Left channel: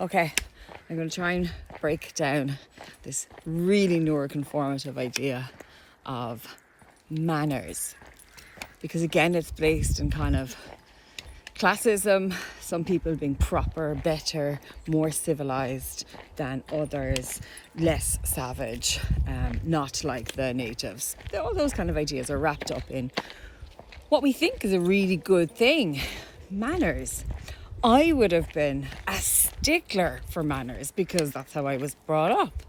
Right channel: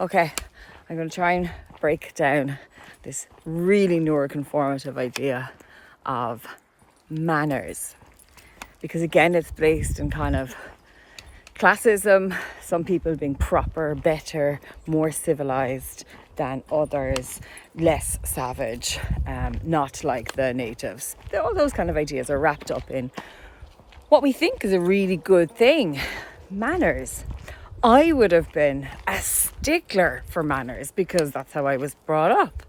Okay, I'm going to try and break down this really neuroconformative idea of manners. Because again, it's based in kind of classism, some people being proper, better, more civilized than others, less savage, not like the natives. All those kind of ideas are wrapped up in what we think is a really good thing, manners. I would have been a stickler for manners because that's how I was brought up.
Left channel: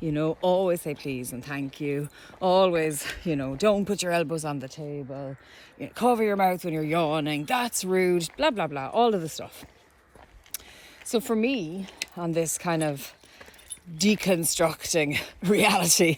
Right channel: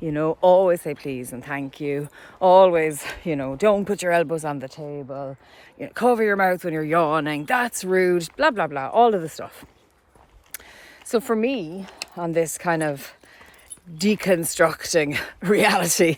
You know, always say please and thank you. Always, you know, don't put your elbows on the table. You know, cover your mouth when you're yawning. That's rude. Blah, blah, blah. All of the stuff. So for me, on this kind of deconstructing reality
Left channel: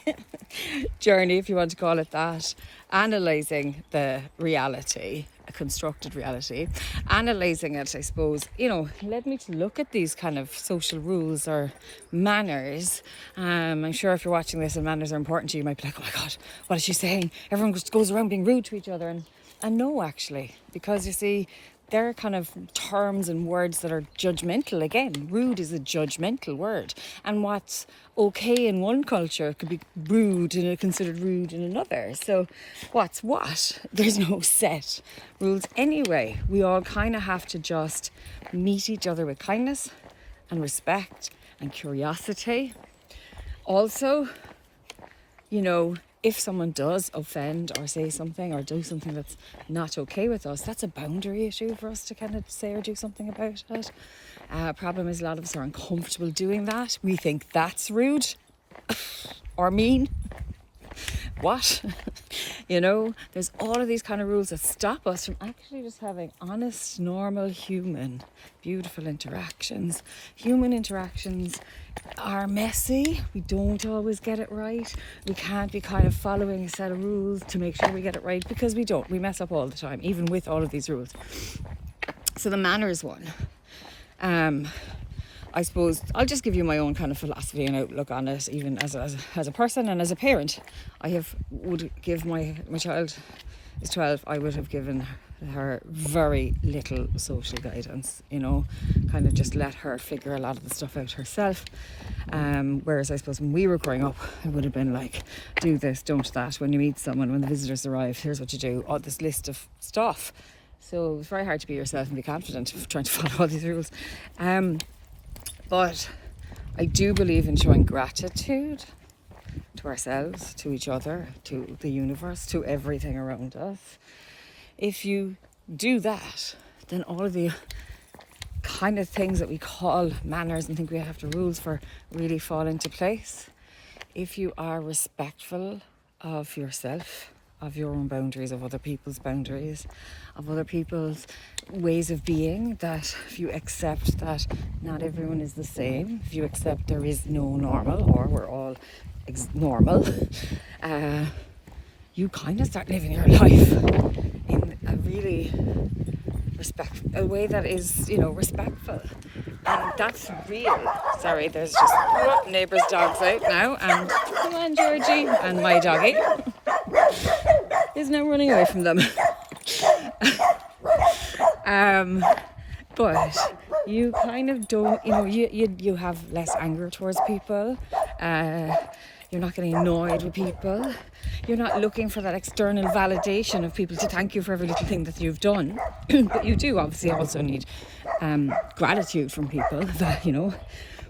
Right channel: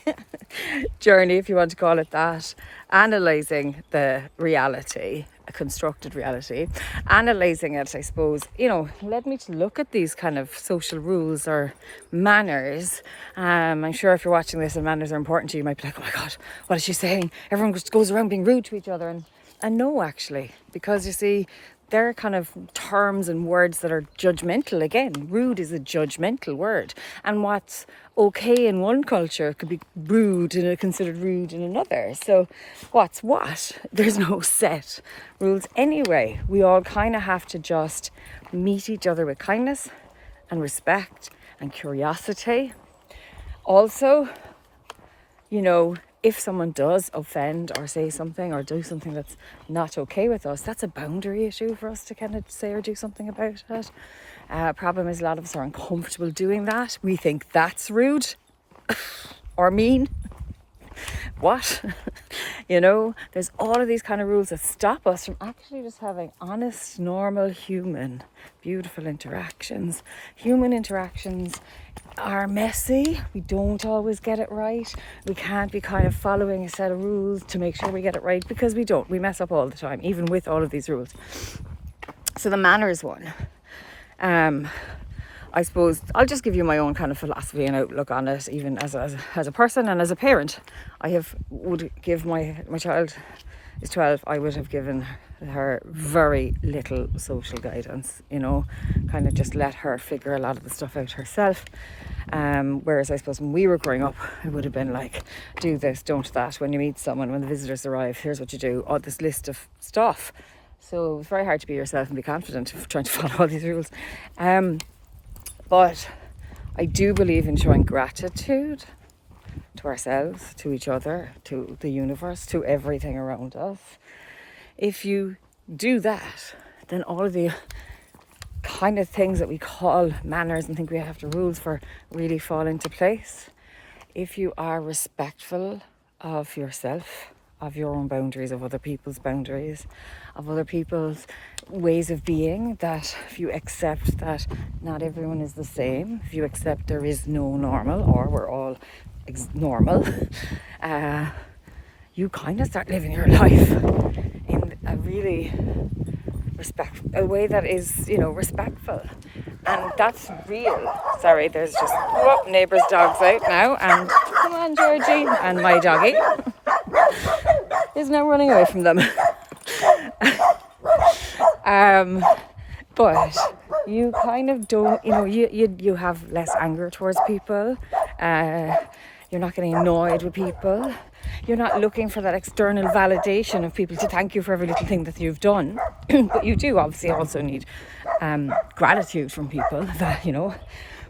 journey, if you want to call it that, analysing the reality, a constructed reality, analysing it, I suppose, you know, led me to look at these kind of social rules or manners. I'm sure if you're watching this and manners are important to you, you might be like, oh my God, what is she saying? Everyone just goes around being rude to each other. And no, actually, because you see, they're kind of terms and words that are judgmental. Again, rude is a judgmental word. And what's okay in one culture could be rude and considered rude in another. So what's what? There's no set rules anyway. We all kind of have to just meet each other with kindness and respect and curiosity. Also, you know, if someone does offend or say something or do something that's not okay with us, that's a boundary issue for us to kind of say or do something about it. Problem is a lot of us are uncomfortable doing that. We think that's rude or mean. What? You know, there's all of these kind of rules that stop us from actually just having honest, normal, human, beautiful interactions. Human interactions are messy. We don't always get it right. We can't be kind of following a set of rules to make sure we get it right, because we don't. We mess up all the time, even with all of these rules. So the manners one. I suppose I'll just give you my own kind of philosophy and outlook on it, even as a person and as a parent. Would give my child is 12, I would have given her very little social guidance, you know, kind of just let her figure a lot of the stuff out herself. Whereas I suppose when we were growing up, it would have been like, do this, don't that. When you meet someone, when the visitors arrive, here's what you do. Oh, this list of stuff. So it's very hard to be yourself and be confident trying to follow all these rules. But I do believe in showing gratitude to ourselves, to each other, to the universe, to everything around us. If you do that, then all of the kind of things that we call manners and think we have to rules for really fall into place. If you are respectful of yourself, of your own boundaries, of other people's boundaries, of other people's ways of being, that if you accept that not everyone is the same, if you accept there is no normal, or we're all normal, you kind of start living your life in a really a way that is, you know, respectful. And that's real. Sorry, there's just neighbours' dogs out now, and come on, Georgie, and my doggy is now running away from them. But you kind of don't, you know, you have less anger towards people. You're not getting annoyed with people. You're not looking for that external validation of people to thank you for every little thing that you've done. But you do obviously also need gratitude from people, that, you know.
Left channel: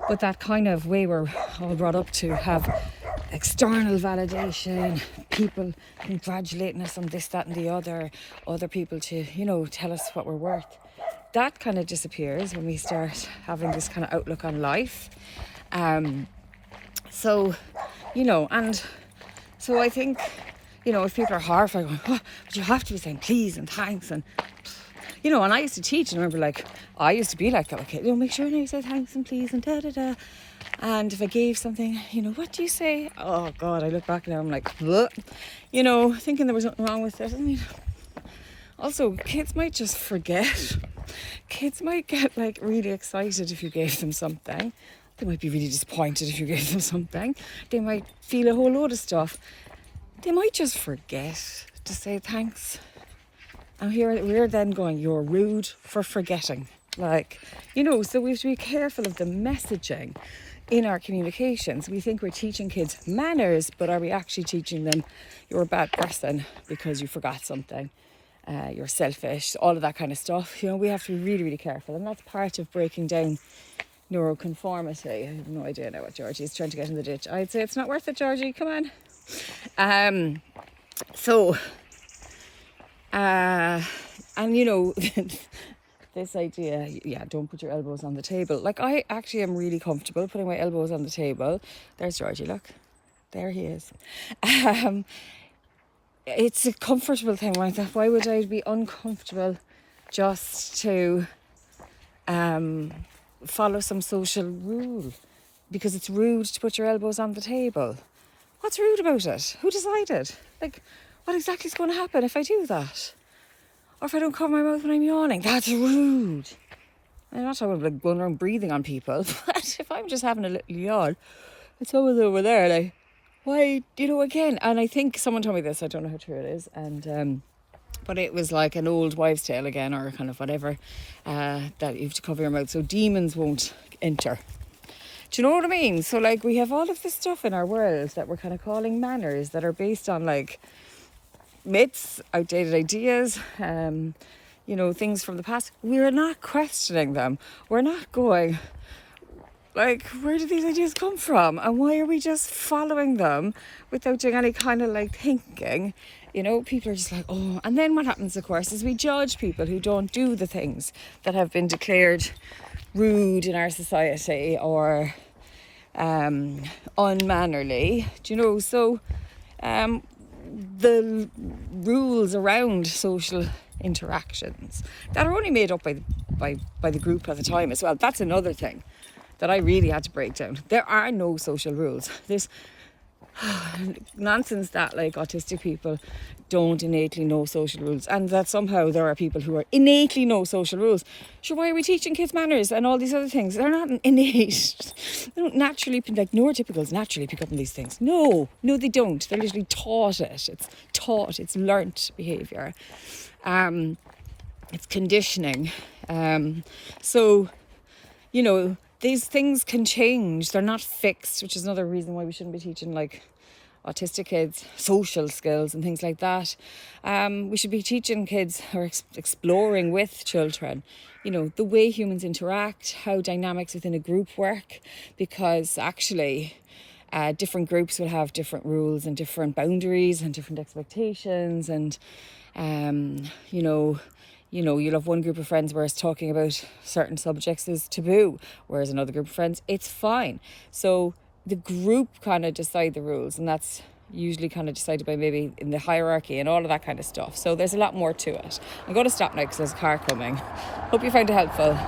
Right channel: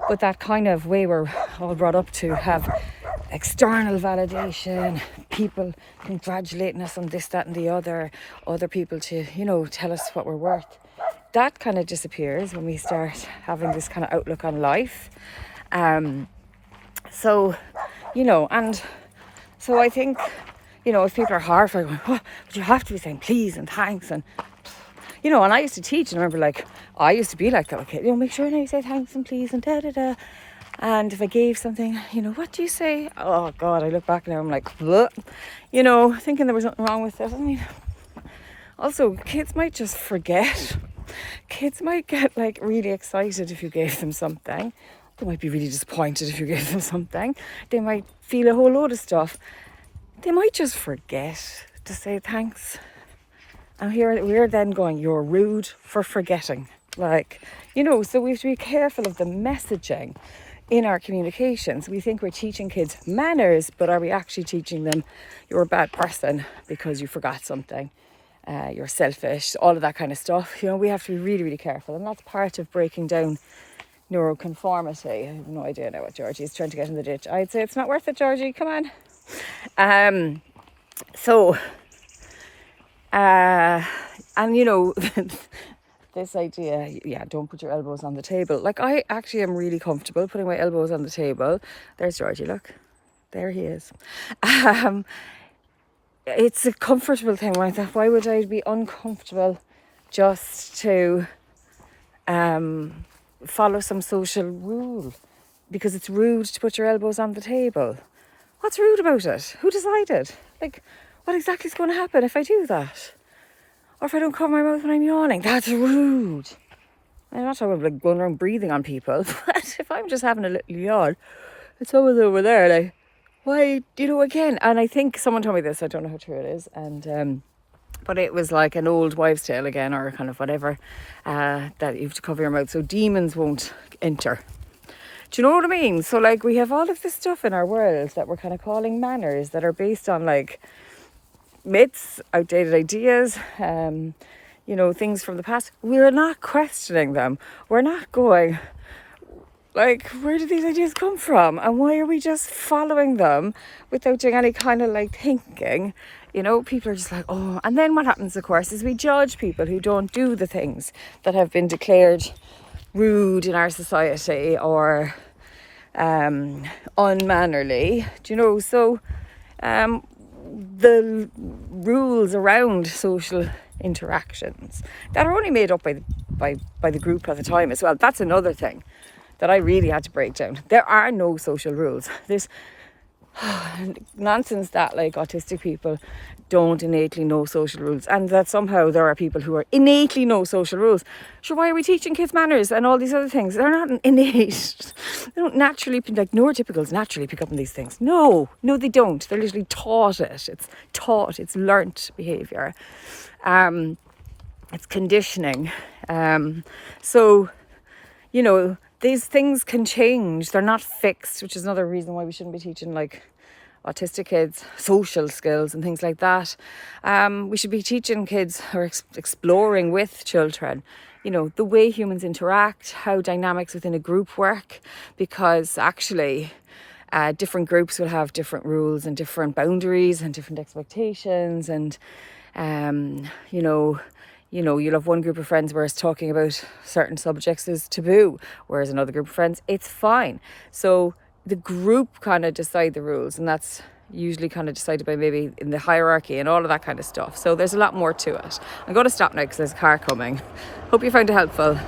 But that kind of way we're all brought up to have external validation, people congratulating us on this, that and the other people to, you know, tell us what we're worth. That kind of disappears when we start having this kind of outlook on life. So, you know, and so I think, you know, if people are horrified, going, oh, but you have to be saying please and thanks, and, you know, and I used to teach, and I remember, like, I used to be like that, okay, you know, make sure now you say thanks and please and da-da-da. And if I gave something, you know, what do you say? Oh God, I look back now, I'm like, bleh. You know, thinking there was nothing wrong with it. I mean, also, kids might just forget. Kids might get like really excited if you gave them something. They might be really disappointed if you gave them something. They might feel a whole load of stuff. They might just forget to say thanks. And here we're then going, you're rude for forgetting. Like, you know, so we have to be careful of the messaging in our communications. We think we're teaching kids manners, but are we actually teaching them you're a bad person because you forgot something? You're selfish, all of that kind of stuff. You know, we have to be really, really careful. And that's part of breaking down neuroconformity. I have no idea now what Georgie's trying to get in the ditch. I'd say it's not worth it, Georgie, come on. And you know, this idea, yeah, don't put your elbows on the table. Like, I actually am really comfortable putting my elbows on the table. There's Georgie, look. There he is. It's a comfortable thing. Right? Why would I be uncomfortable just to follow some social rule? Because it's rude to put your elbows on the table. What's rude about it? Who decided? Like, what exactly is going to happen if I do that? Or if I don't cover my mouth when I'm yawning? That's rude. I'm not talking about like going around breathing on people, but if I'm just having a little yawn, it's someone's over there, like, why, you know, again. And I think someone told me this, I don't know how true it is, and but it was like an old wives' tale again, or kind of whatever, that you have to cover your mouth so demons won't enter. Do you know what I mean? So like, we have all of this stuff in our world that we're kind of calling manners, that are based on like myths, outdated ideas, you know, things from the past. We're not questioning them. We're not going, like, where do these ideas come from? And why are we just following them without doing any kind of like thinking? You know, people are just like, oh. And then what happens, of course, is we judge people who don't do the things that have been declared rude in our society or unmannerly. Do you know? So the rules around social interactions that are only made up by the group at the time as well. That's another thing that I really had to break down. There are no social rules. There's nonsense that like autistic people don't innately know social rules, and that somehow there are people who are innately know social rules. Sure, why are we teaching kids manners and all these other things? They're not innate. They don't naturally, like neurotypicals naturally pick up on these things. No, they don't. They're literally taught it. It's taught, it's learnt behaviour. It's conditioning. So, you know, these things can change. They're not fixed, which is another reason why we shouldn't be teaching like autistic kids social skills and things like that. We should be teaching kids or exploring with children, you know, the way humans interact, how dynamics within a group work, because actually different groups will have different rules and different boundaries and different expectations, and you know, you'll have one group of friends where it's talking about certain subjects is taboo, whereas another group of friends, it's fine. So the group kind of decide the rules, and that's usually kind of decided by maybe in the hierarchy and all of that kind of stuff. So there's a lot more to it. I'm going to stop now because there's a car coming. Hope you found it helpful.